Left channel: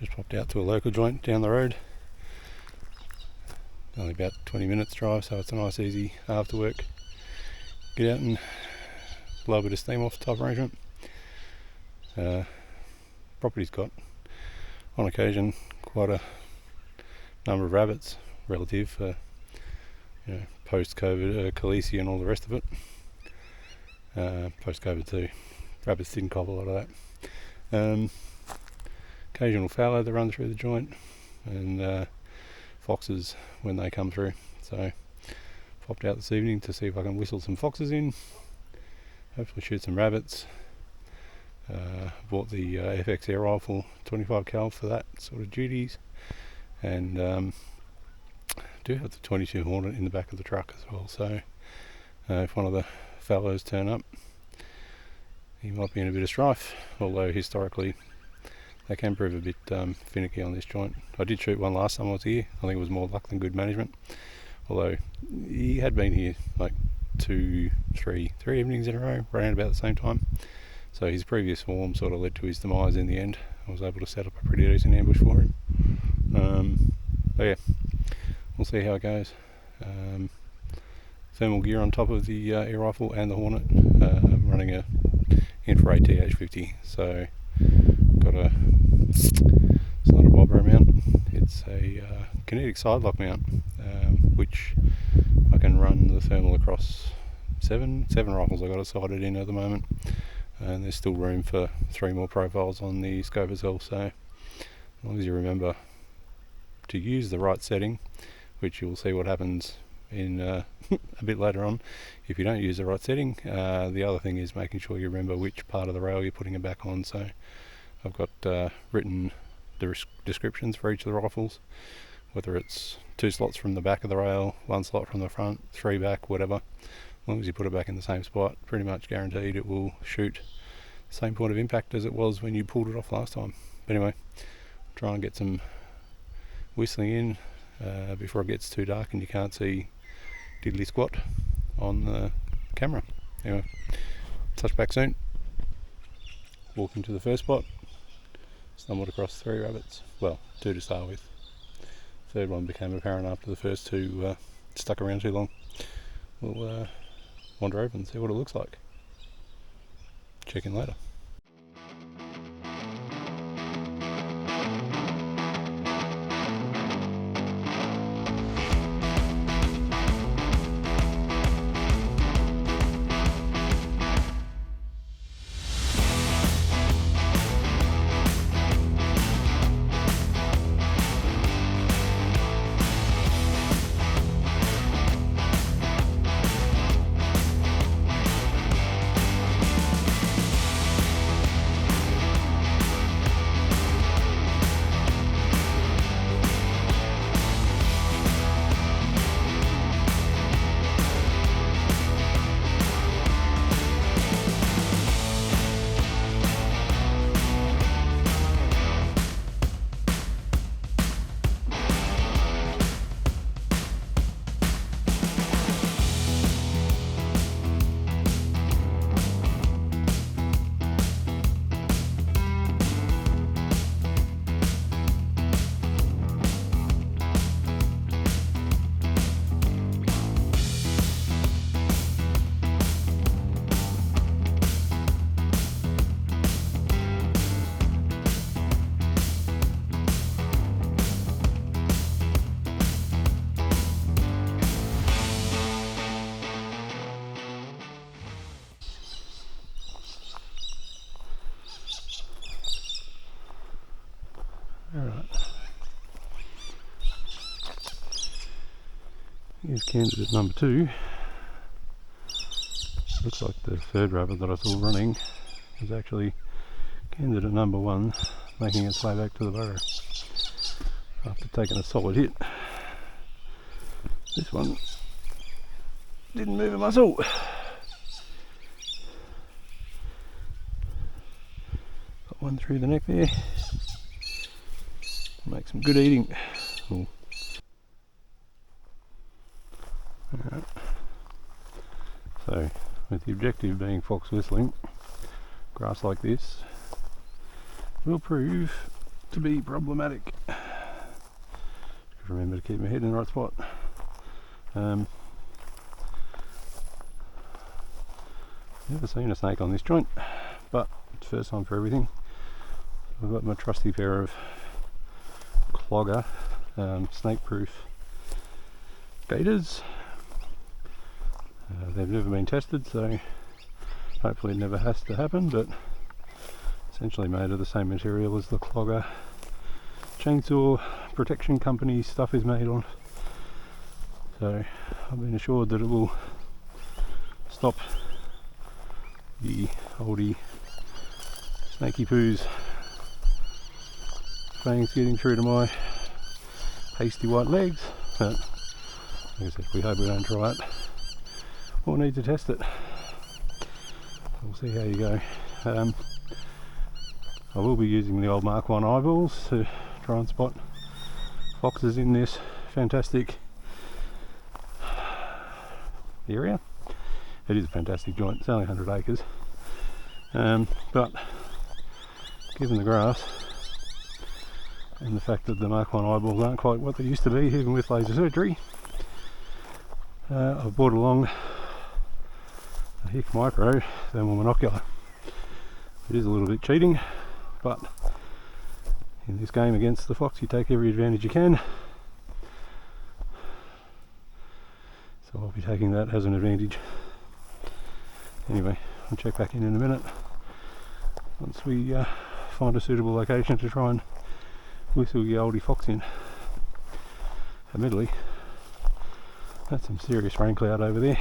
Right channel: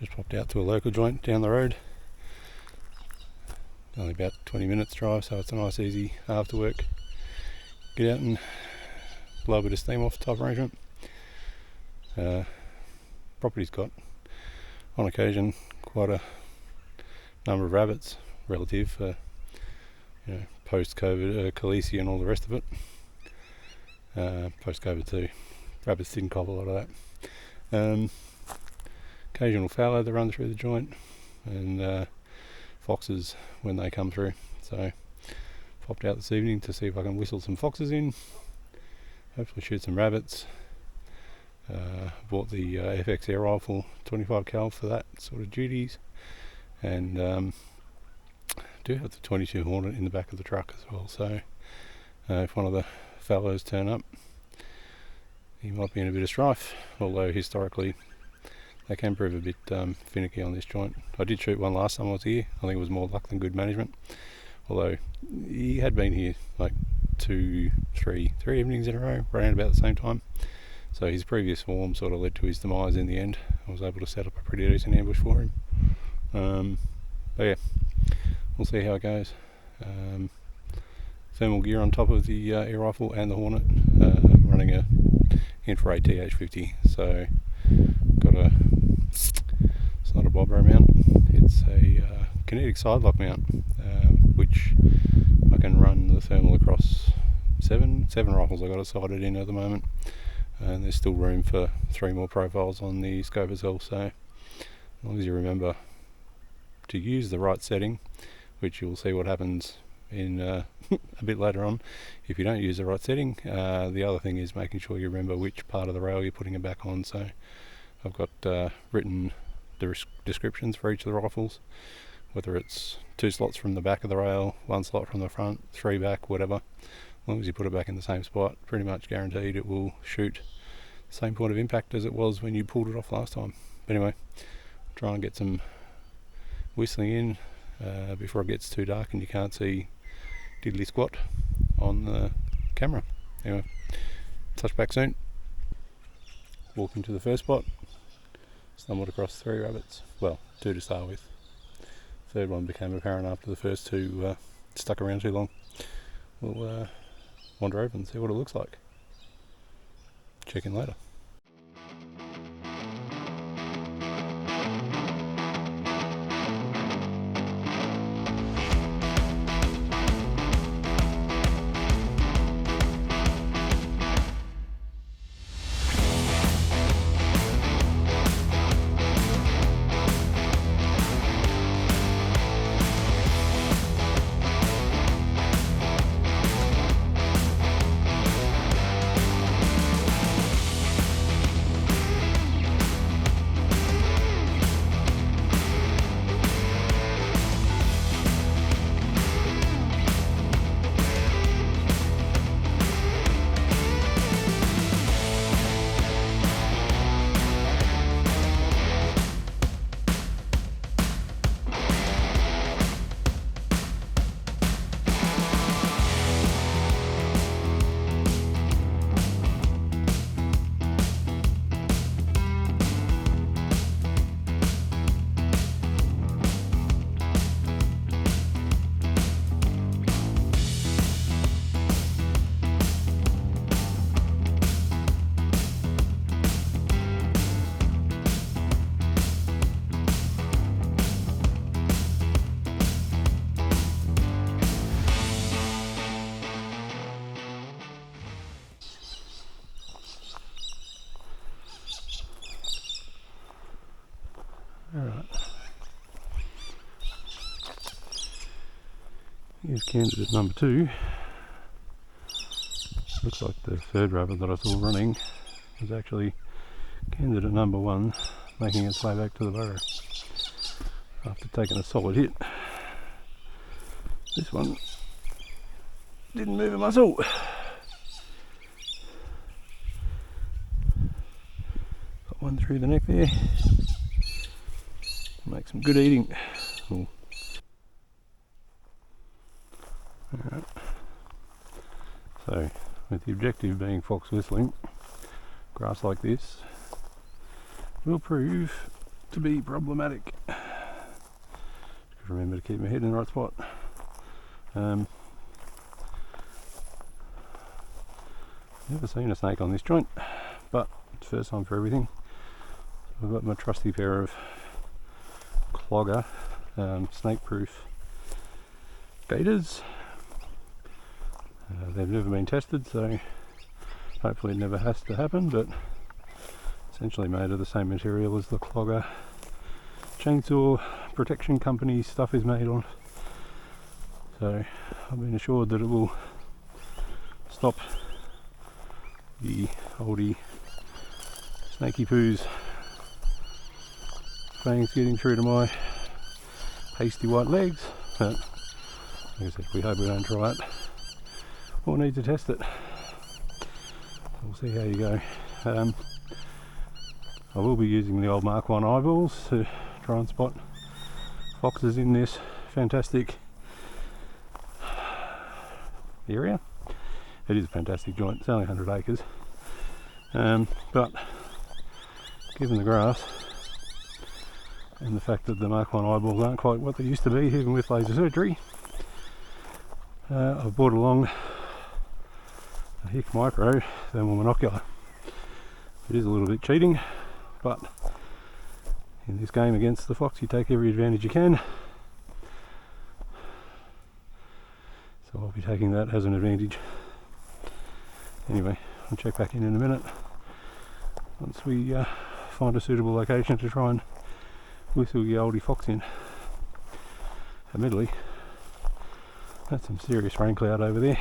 Just popped out to a local joint down the road. Only about 20 minutes drive, so it's a nice easy after work get out and blow a bit of steam off type arrangement. Property's got on occasion quite a number of rabbits relative for post-COVID, Khaleesi and all the rest of it. Post-COVID too, rabbits didn't cop a lot of that. Occasional fallow that run through the joint, and foxes when they come through. So popped out this evening to see if I can whistle some foxes in, hopefully shoot some rabbits. Bought the FX air rifle 25 cal for that sort of duties, and do have the 22 Hornet in the back of the truck as well, so if one of the fallows turn up, he might be in a bit of strife, although historically they can prove a bit finicky on this joint. I did shoot one last time I was here. I think it was more luck than good management, although he had been here like three evenings in a row around about the same time, so his previous form sort of led to his demise in the end. I was able to set up a pretty decent ambush for him. But yeah, we'll see how it goes. Thermal gear on top of the air rifle and the Hornet. I'm running a infrared TH50, so got it's not a bobber mount, it's a kinetic side lock mount, which I can run the thermal across seven rifles I got it sighted in at the moment, and there's still room for 3 more profiles on the scope itself, so as long as you remember to use the right setting, which you'll see what happens in a bit later on if you don't use the right setting. The other thing is making sure you remember which part of the rail you're putting it back on, so I've got written the descriptions for each of the rifles, whether it's 2 slots from the back of the rail, 1 slot from the front, 3 back, whatever. As long as you put it back in the same spot, pretty much guaranteed it will shoot the same point of impact as it was when you pulled it off last time. But anyway, try and get some whistling in before it gets too dark and you can't see diddly squat on the camera. Anyway, touch back soon. Walking to the first spot, stumbled across 3 rabbits, well, 2 to start with. Third one became apparent after the first 2 stuck around too long. We'll wander over and see what it looks like. Check in later. Alright, here's candidate number 2. Looks like the third rabbit that I saw running was actually candidate number 1, making its way back to the burrow after taking a solid hit. This one didn't move a muscle. Got one through the neck there. Make some good eating. Ooh. Alright. So, with the objective being fox whistling, grass like this will prove to be problematic. Remember to keep my head in the right spot. Never seen a snake on this joint, but it's first time for everything. So I've got my trusty pair of clogger snake-proof gaiters. They've never been tested, so hopefully it never has to happen, but essentially made of the same material as the clogger chainsaw protection company stuff is made on. So I've been assured that it will stop the oldie snaky poos fangs getting through to my pasty white legs, but like I said, we hope we don't try it or need to test it. We'll see how you go. I will be using the old Mark 1 eyeballs to try and spot foxes in this fantastic area. It is a fantastic joint, it's only 100 acres, but given the grass and the fact that the Mark 1 eyeballs aren't quite what they used to be, even with laser surgery, I've brought along a Hick Micro thermal monocular. It is a little bit cheating, but in this game against the fox you take every advantage you can. So I'll be taking that as an advantage. Anyway, I'll check back in a minute once we find a suitable location to try and whistle the oldie fox in. Admittedly, that's some serious rain cloud over there.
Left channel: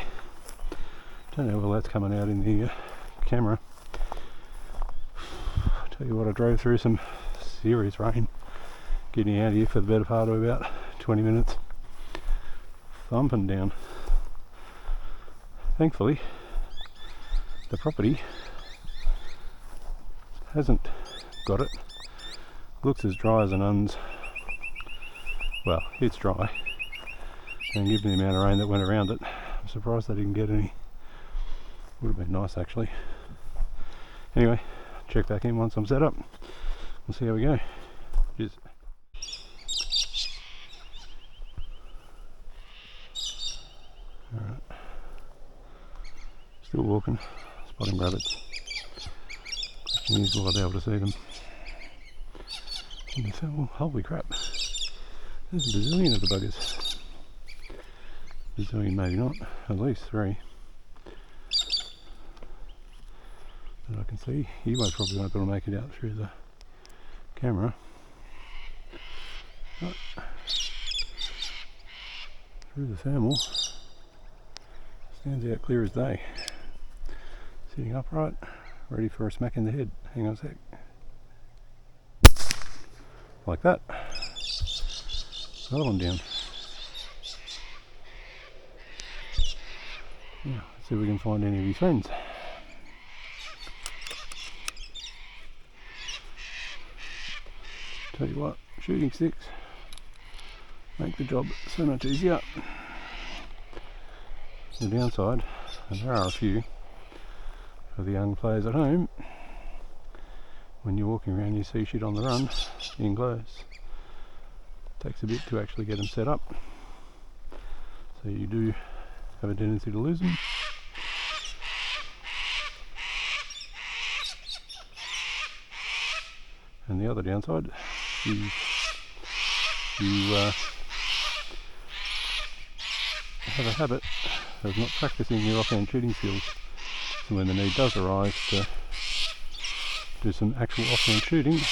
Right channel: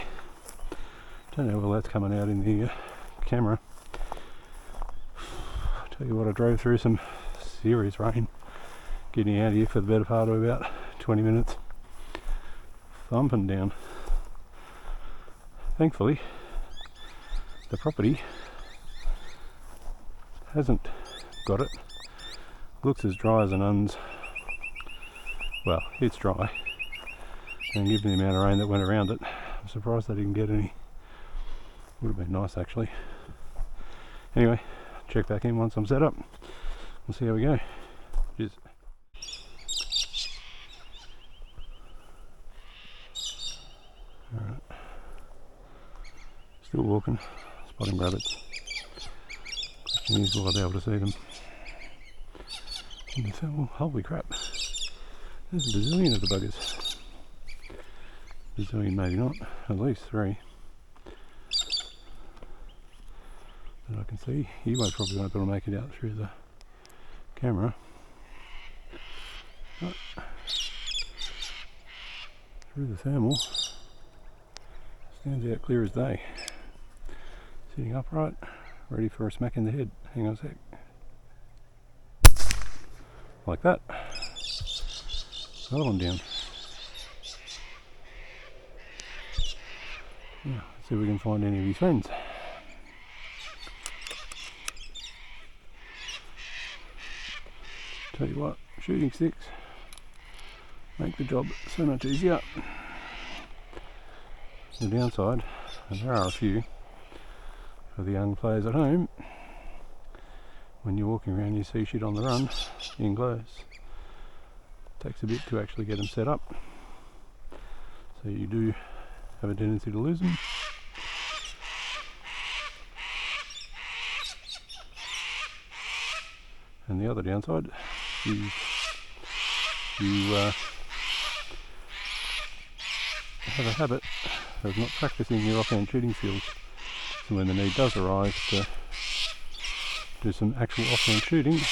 Don't know whether that's coming out in the camera. Tell you what, I drove through some serious rain getting out here for the better part of about 20 minutes. Thumping down. Thankfully, the property hasn't got it. Looks as dry as an uns. Well, it's dry, and given the amount of rain that went around it, I'm surprised they didn't get any. Would have been nice actually. Anyway, check back in once I'm set up. We'll see how we go. Cheers. Alright. Still walking, spotting rabbits. Question is, will I be able to see them? And well, holy crap. There's a bazillion of the buggers. Bazillion maybe not, at least 3. That I can see. You guys probably won't be able to make it out through the camera. But through the thermal, stands out clear as day. Sitting upright, ready for a smack in the head. Hang on a sec. Like that. Another one down. Yeah, let's see if we can find any of his friends. Tell you what, shooting sticks make the job so much easier. The downside, and there are a few, for the young players at home, when you're walking around you see shit on the run in close. Takes a bit to actually get them set up, so you do have a tendency to lose them. And the other downside is you have a habit of not practicing your offhand shooting skills, so when the need does arise to do some actual offhand shooting, it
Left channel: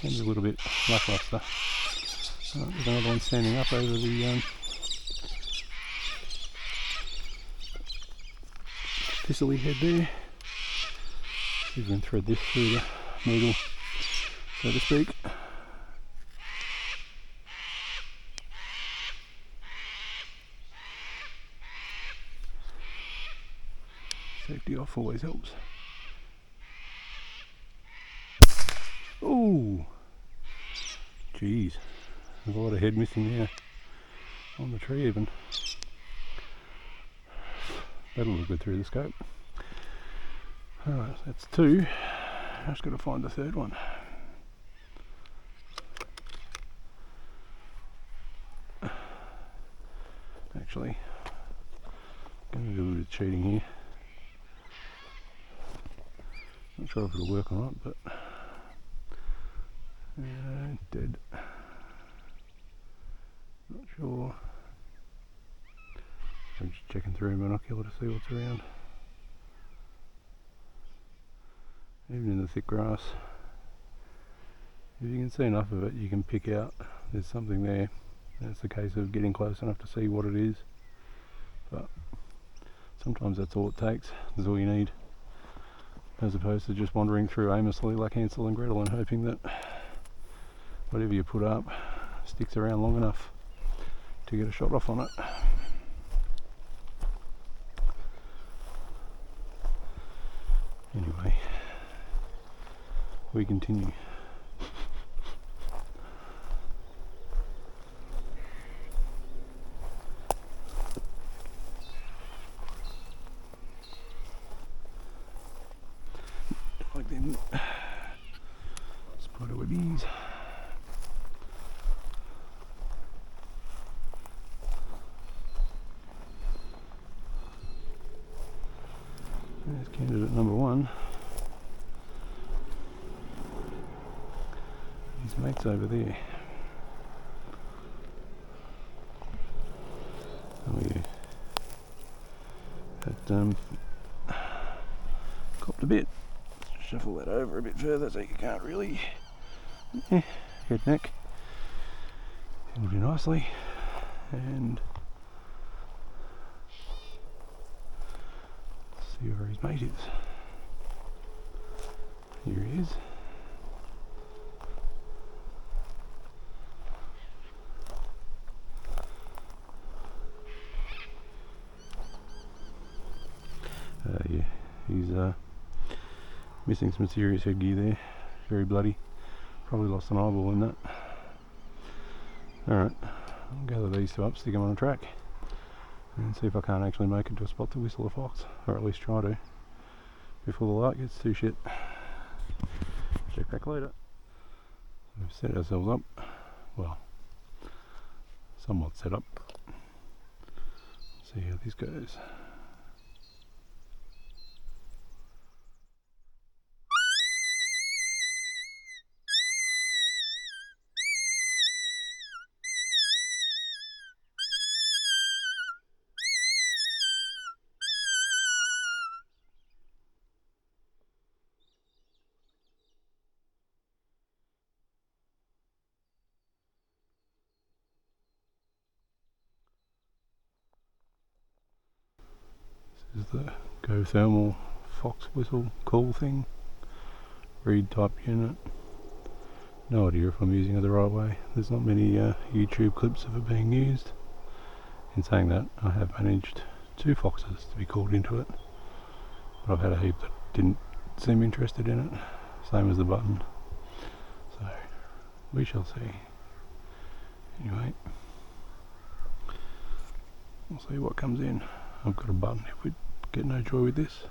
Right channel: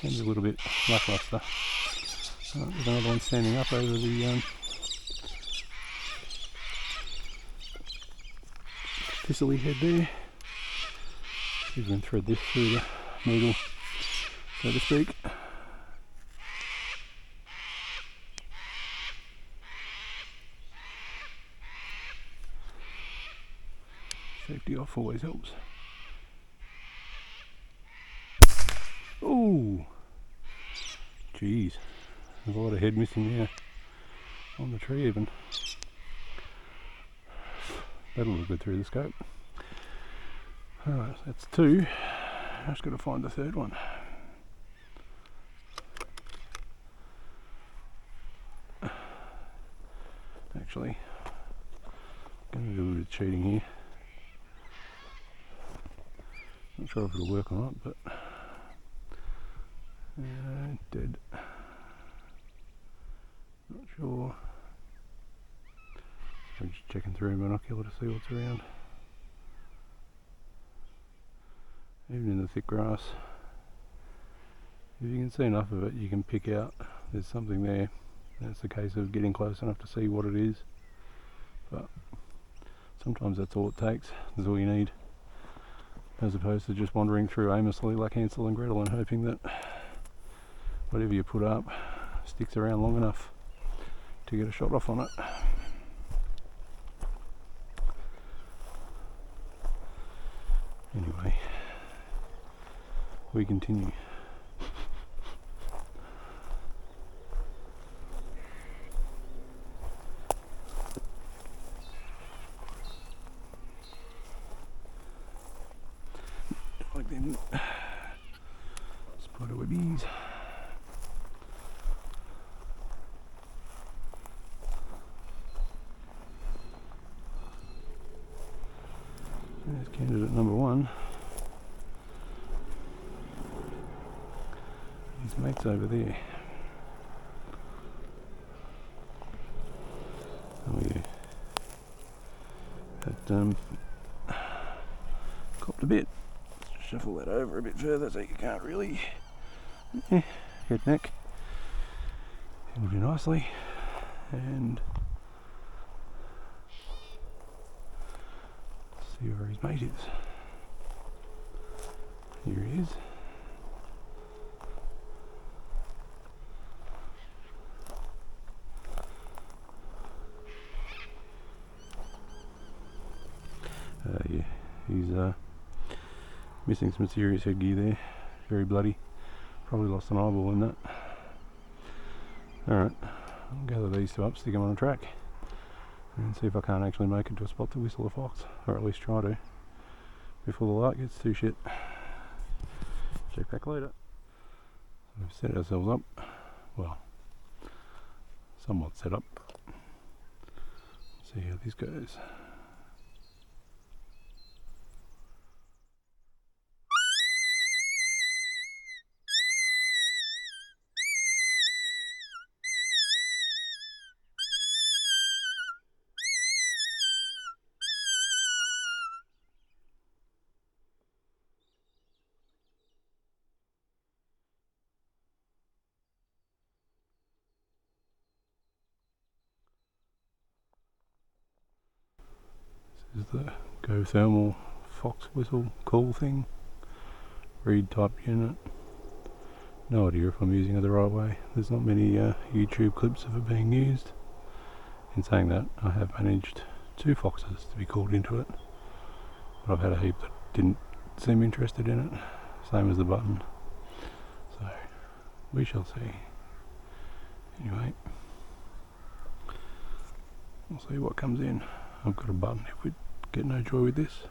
can be a little bit lackluster. There's another one standing up over the thistly head there. See if we can thread this through the needle, so to speak. Safety off always helps. Oh, geez, there's a lot of head missing there on the tree even. That'll look good through the scope. Alright, that's 2. Just got to find the third one. Actually, I'm going to do a bit of cheating here. Not sure if it'll work or not, but dead. Not sure. I'm just checking through a binocular to see what's around. Even in the thick grass, if you can see enough of it, you can pick out there's something there. And it's a case of getting close enough to see what it is. But sometimes that's all it takes. That's all you need, as opposed to just wandering through aimlessly like Hansel and Gretel and hoping that whatever you put up sticks around long enough to get a shot off on it. Anyway, we continue. Like them spider webbies. There's candidate number one. His mate's over there. Oh yeah. That copped a bit. Let's shuffle that over a bit further so you can't really head neck. It'll do nicely. And see where his mate is. Here he is. Yeah, he's missing some serious headgear there. Very bloody. Probably lost an eyeball in that. Alright, I'll gather these two up, stick them on a track, and see if I can't actually make it to a spot to whistle a fox, or at least try to, before the light gets too shit. Check back later. We've set ourselves up, well, somewhat set up. See how this goes. This is the Go Thermal Fox Whistle call thing. Reed type unit. No idea if I'm using it the right way. There's not many YouTube clips of it being used. In saying that, I have managed 2 foxes to be called into it, but I've had a heap that didn't seem interested in it, same as the button. So we shall see. Anyway, we'll see what comes in. I've got a button if we get no joy with this.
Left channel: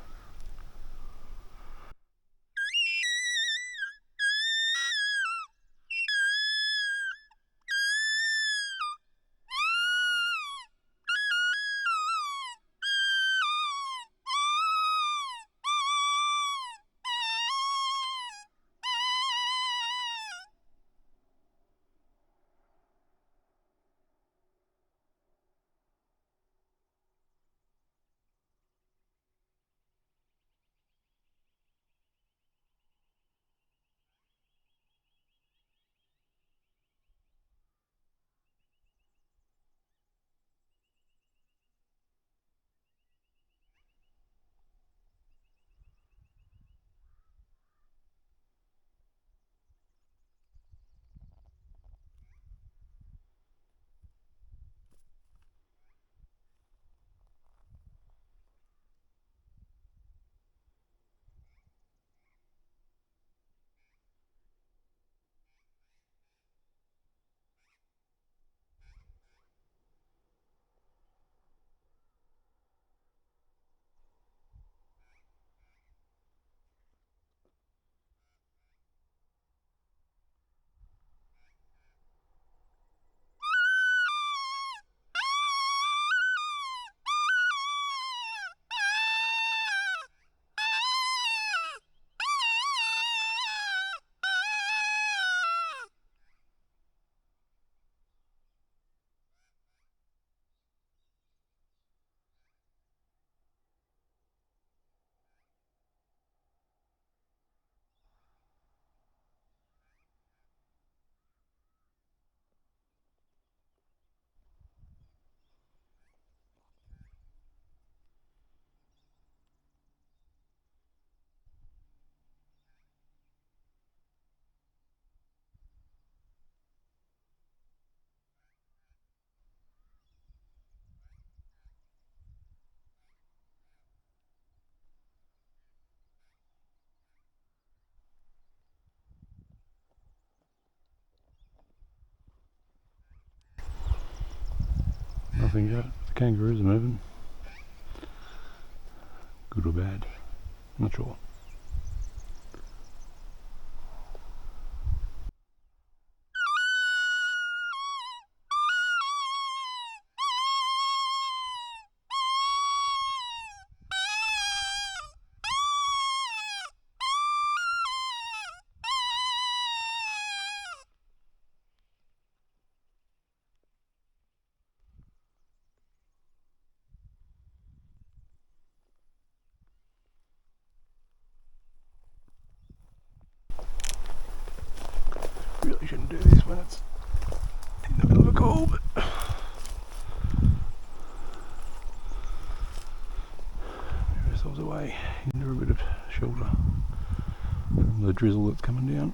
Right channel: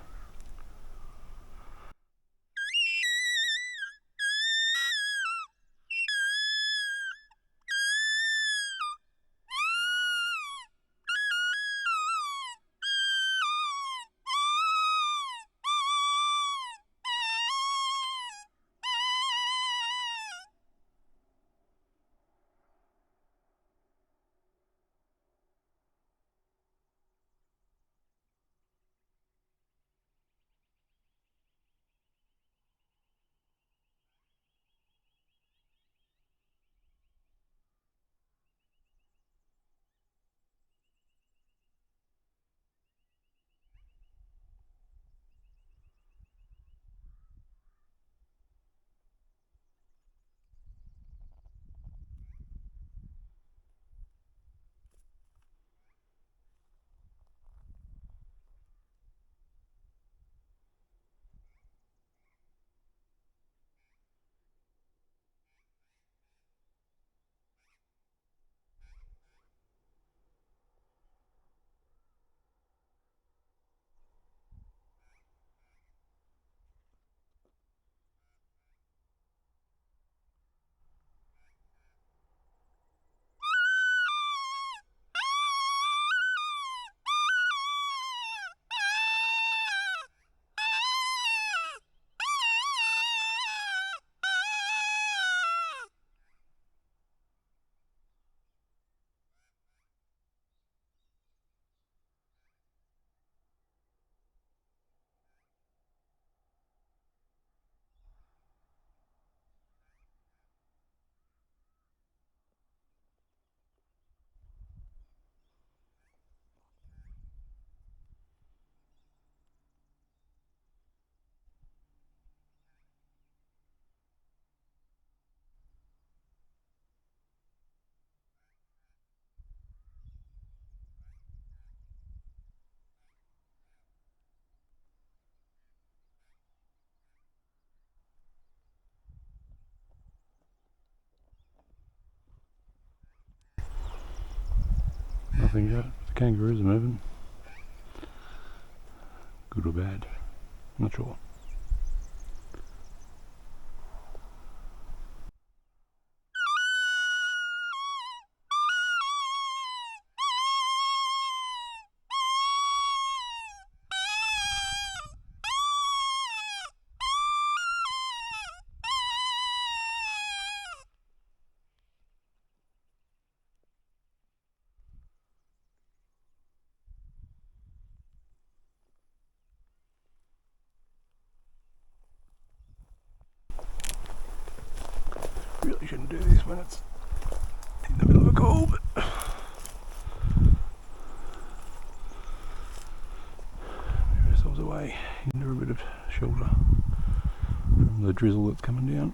think yet. The kangaroos are moving. Good or bad? Not sure. Really shouldn't do this when it's in the middle of a call, but move ourselves away into a bit of shelter from the drizzle that's coming down.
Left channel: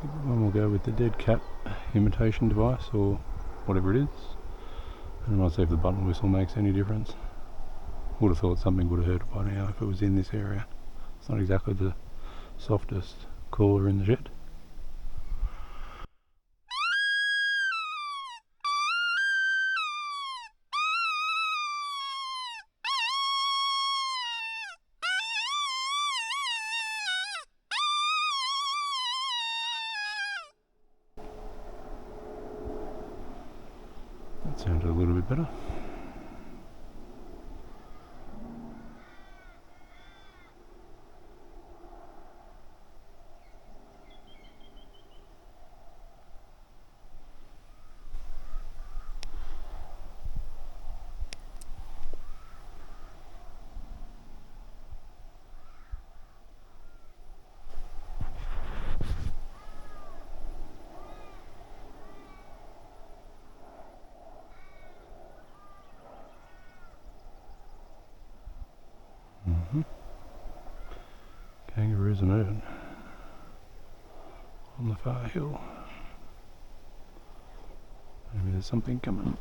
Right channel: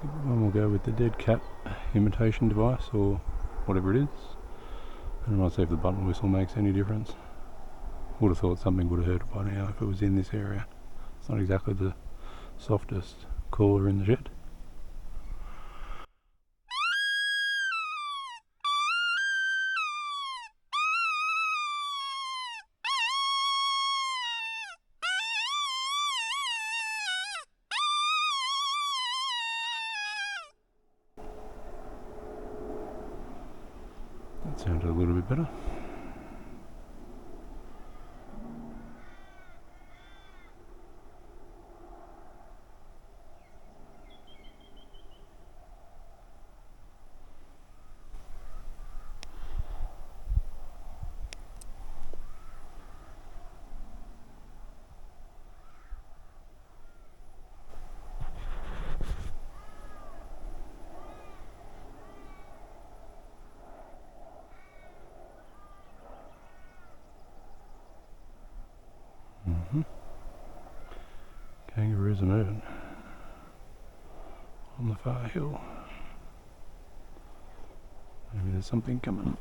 One will go with the dead cat imitation device or whatever it is. And I might see if the button whistle makes any difference. Would have thought something would have heard it by now if it was in this area. It's not exactly the softest caller in the shed. That sounded a little bit better. Kangaroos are moving on the far hill. Maybe there's something coming.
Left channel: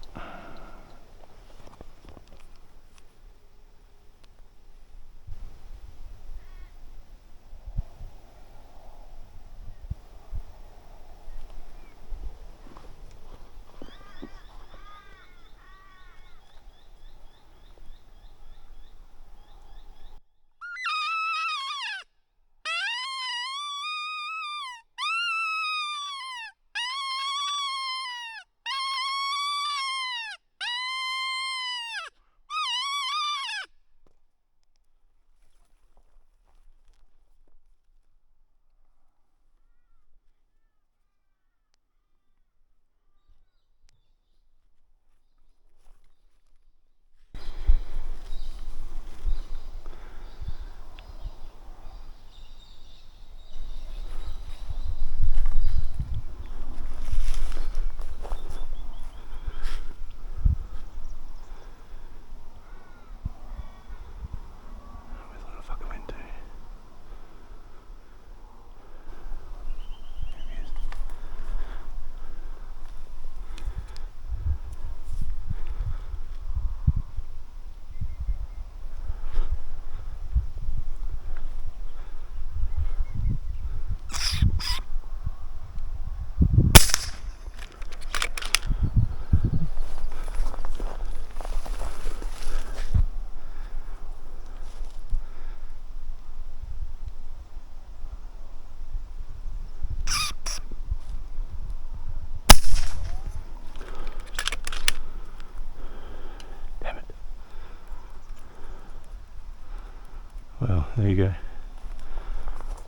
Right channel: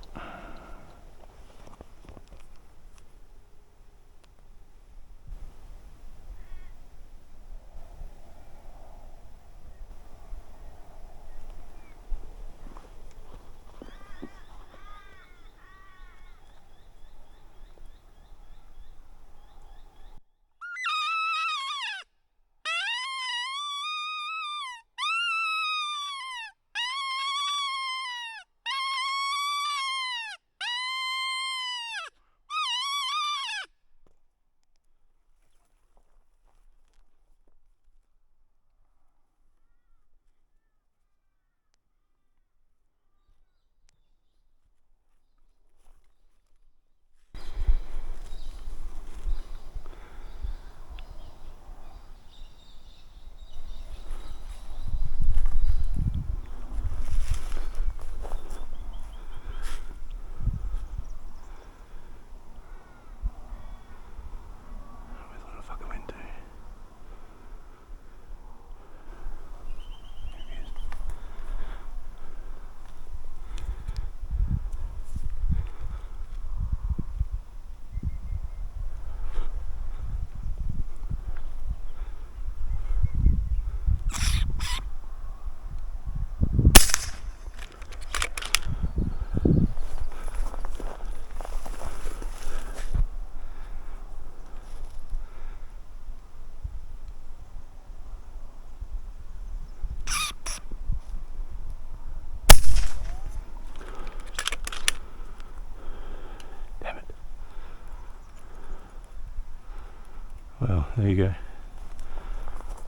Well, there you go.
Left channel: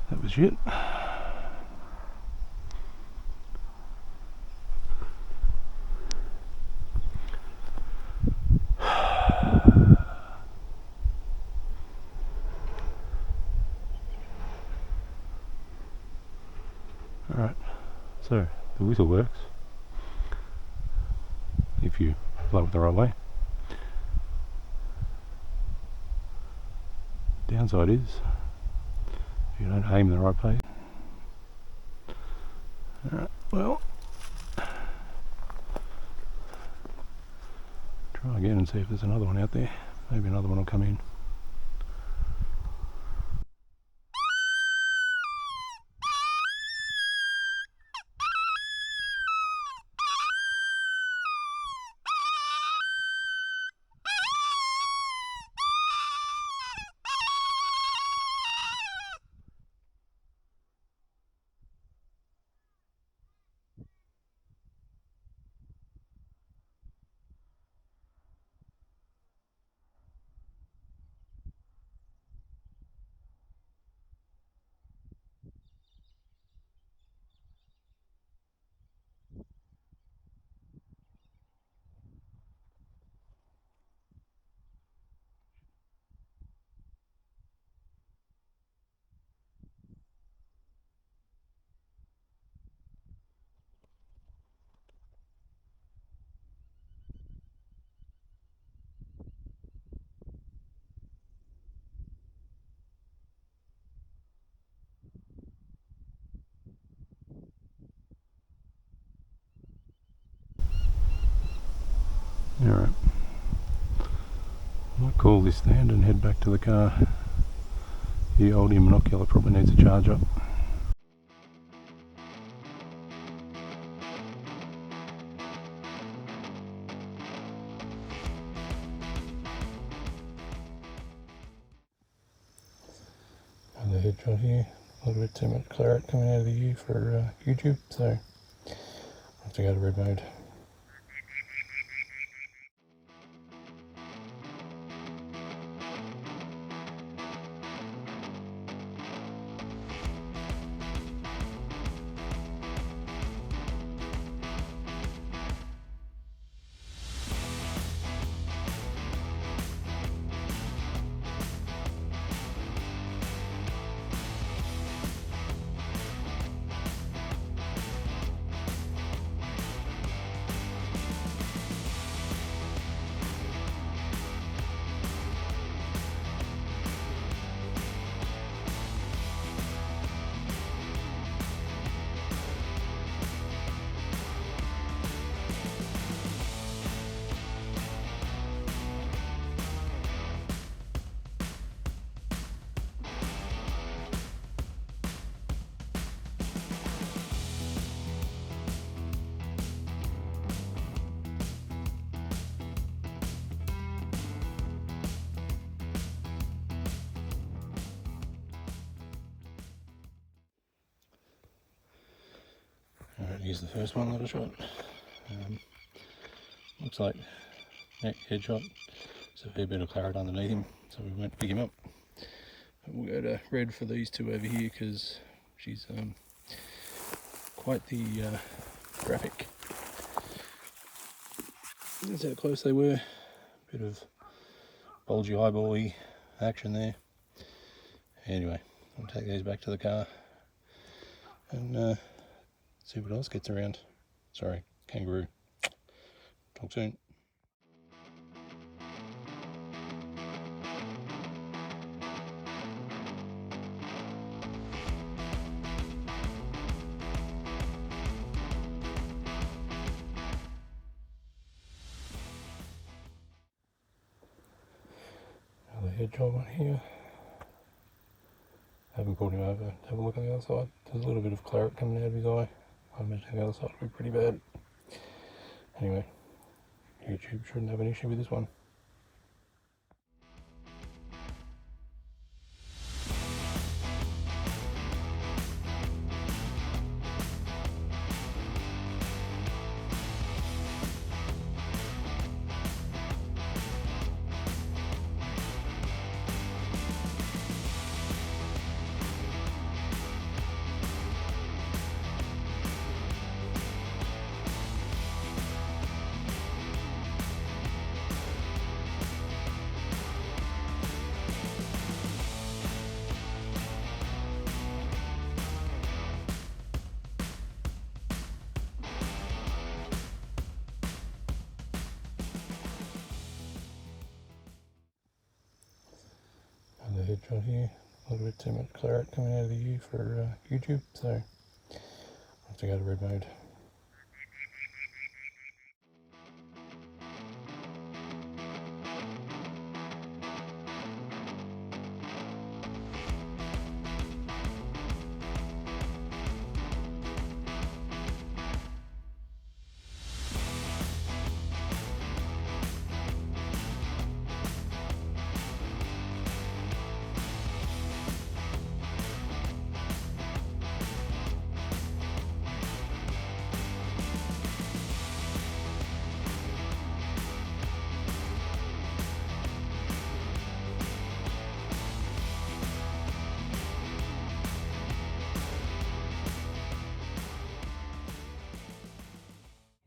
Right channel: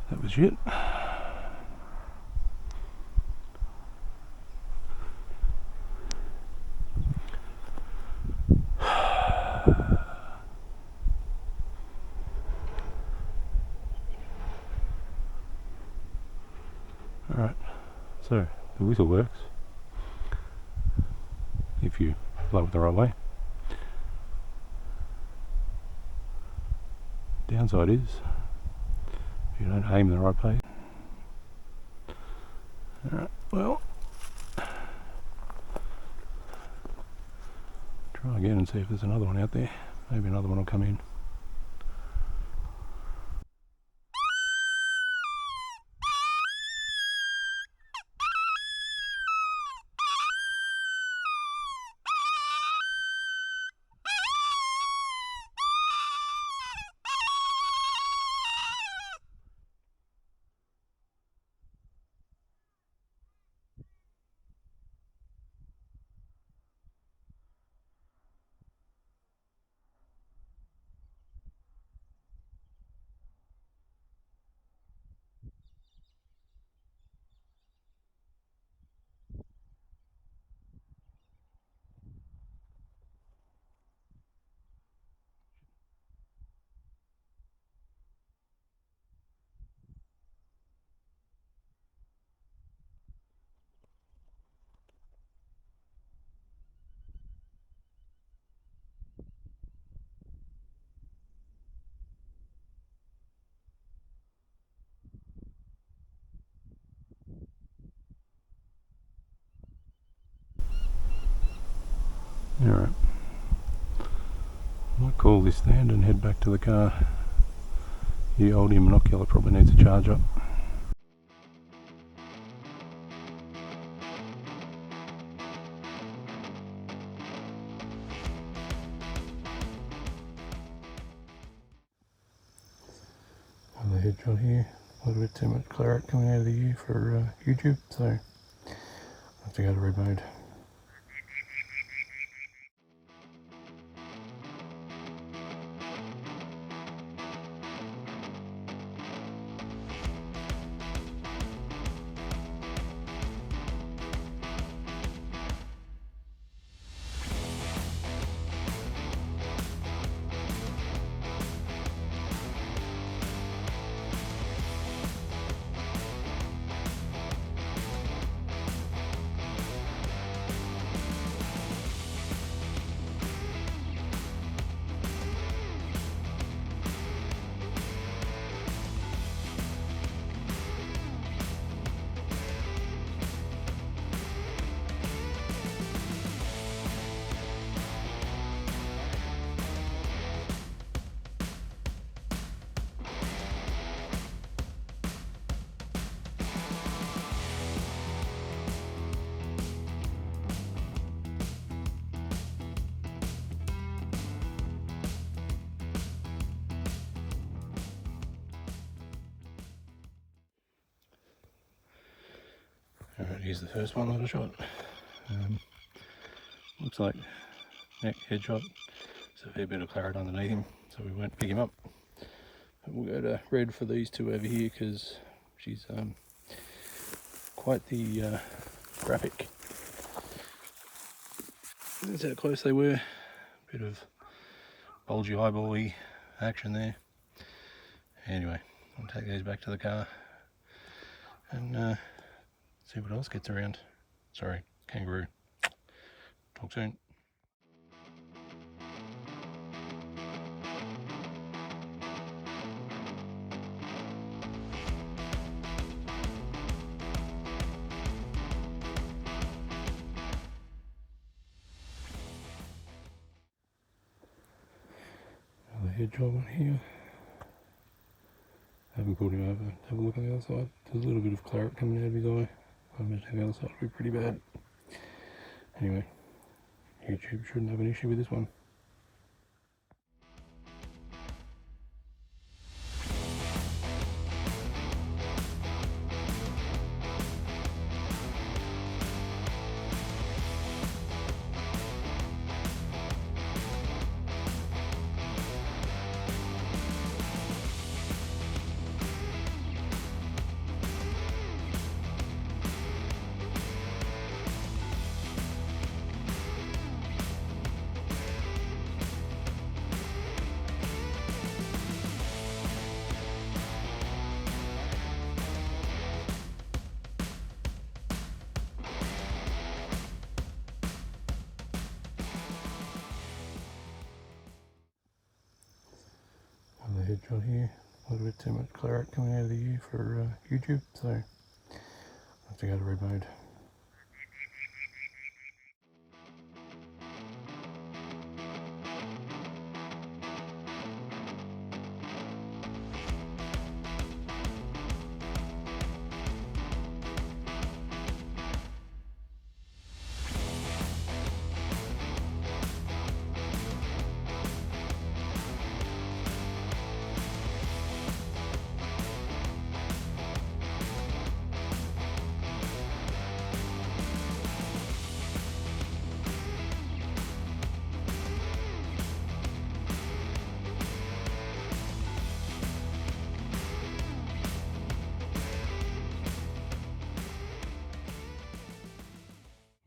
That was it. Alright, so the whistle works if you blow it the right way. Downside is if you don't aim in the right place. Alright, well, try again and see if there's another one out there. Maybe another one will come in. call this stand and head back to the car. The old monocular probably needs a charge up. Another headshot here. A little bit too much claret coming out of the U for YouTube, so I have to go to red mode. Alright, here's the first one that I shot. Looks like neck headshot. So a fair bit of claret underneath him, so we won't pick him up. But we'll go to red for these two over here because she's quite the graphic. That's how close they were. Bit of bulgy eyeball-y action there. Anyway, I'll take these back to the car and see what else gets around. Sorry, kangaroo. Talk soon. Another head job on here. I haven't pulled him over. Have a look on the other side. There's a little bit of claret coming out of his eye. I imagine the other side will be pretty bad. Anyway, YouTube shouldn't have an issue with this one. Another headshot here. A little bit too much claret coming out of the U for YouTube, so I have to go to red mode.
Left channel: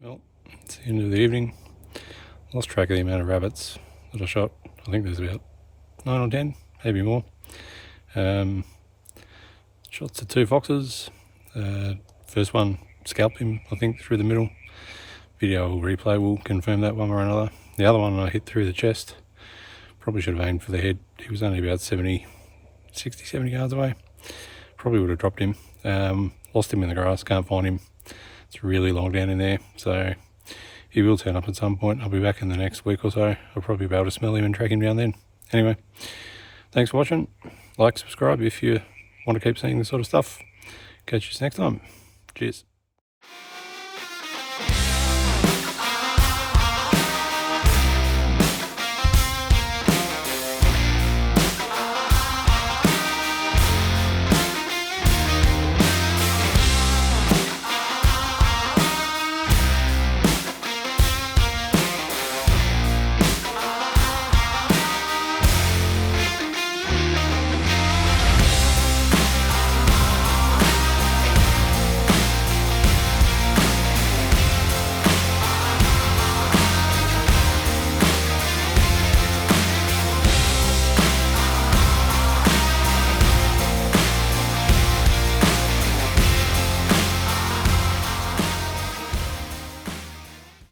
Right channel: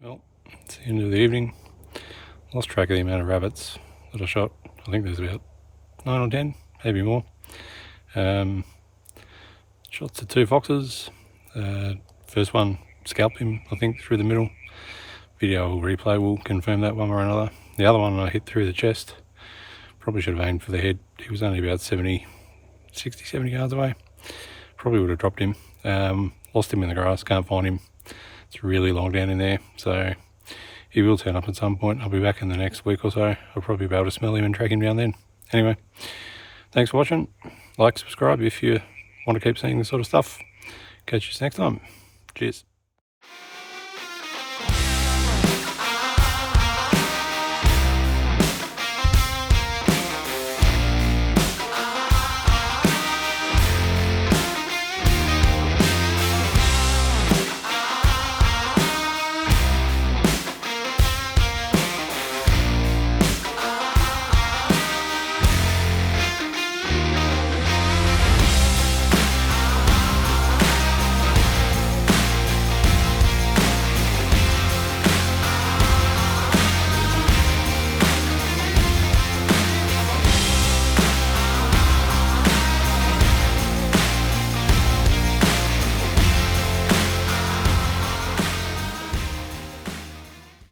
Well, it's the end of the evening. Lost track of the amount of rabbits that I shot. I think there's about 9 or 10, maybe more. Shots to 2 foxes. First one scalped him, I think, through the middle. Video replay will confirm that one way or another. The other one I hit through the chest. Probably should have aimed for the head. He was only about 60, 70 yards away. Probably would have dropped him. Lost him in the grass, can't find him. It's really long down in there, so he will turn up at some point. I'll be back in the next week or so. I'll probably be able to smell him and track him down then. Anyway, thanks for watching. Like, subscribe if you want to keep seeing this sort of stuff. Catch you next time. Cheers.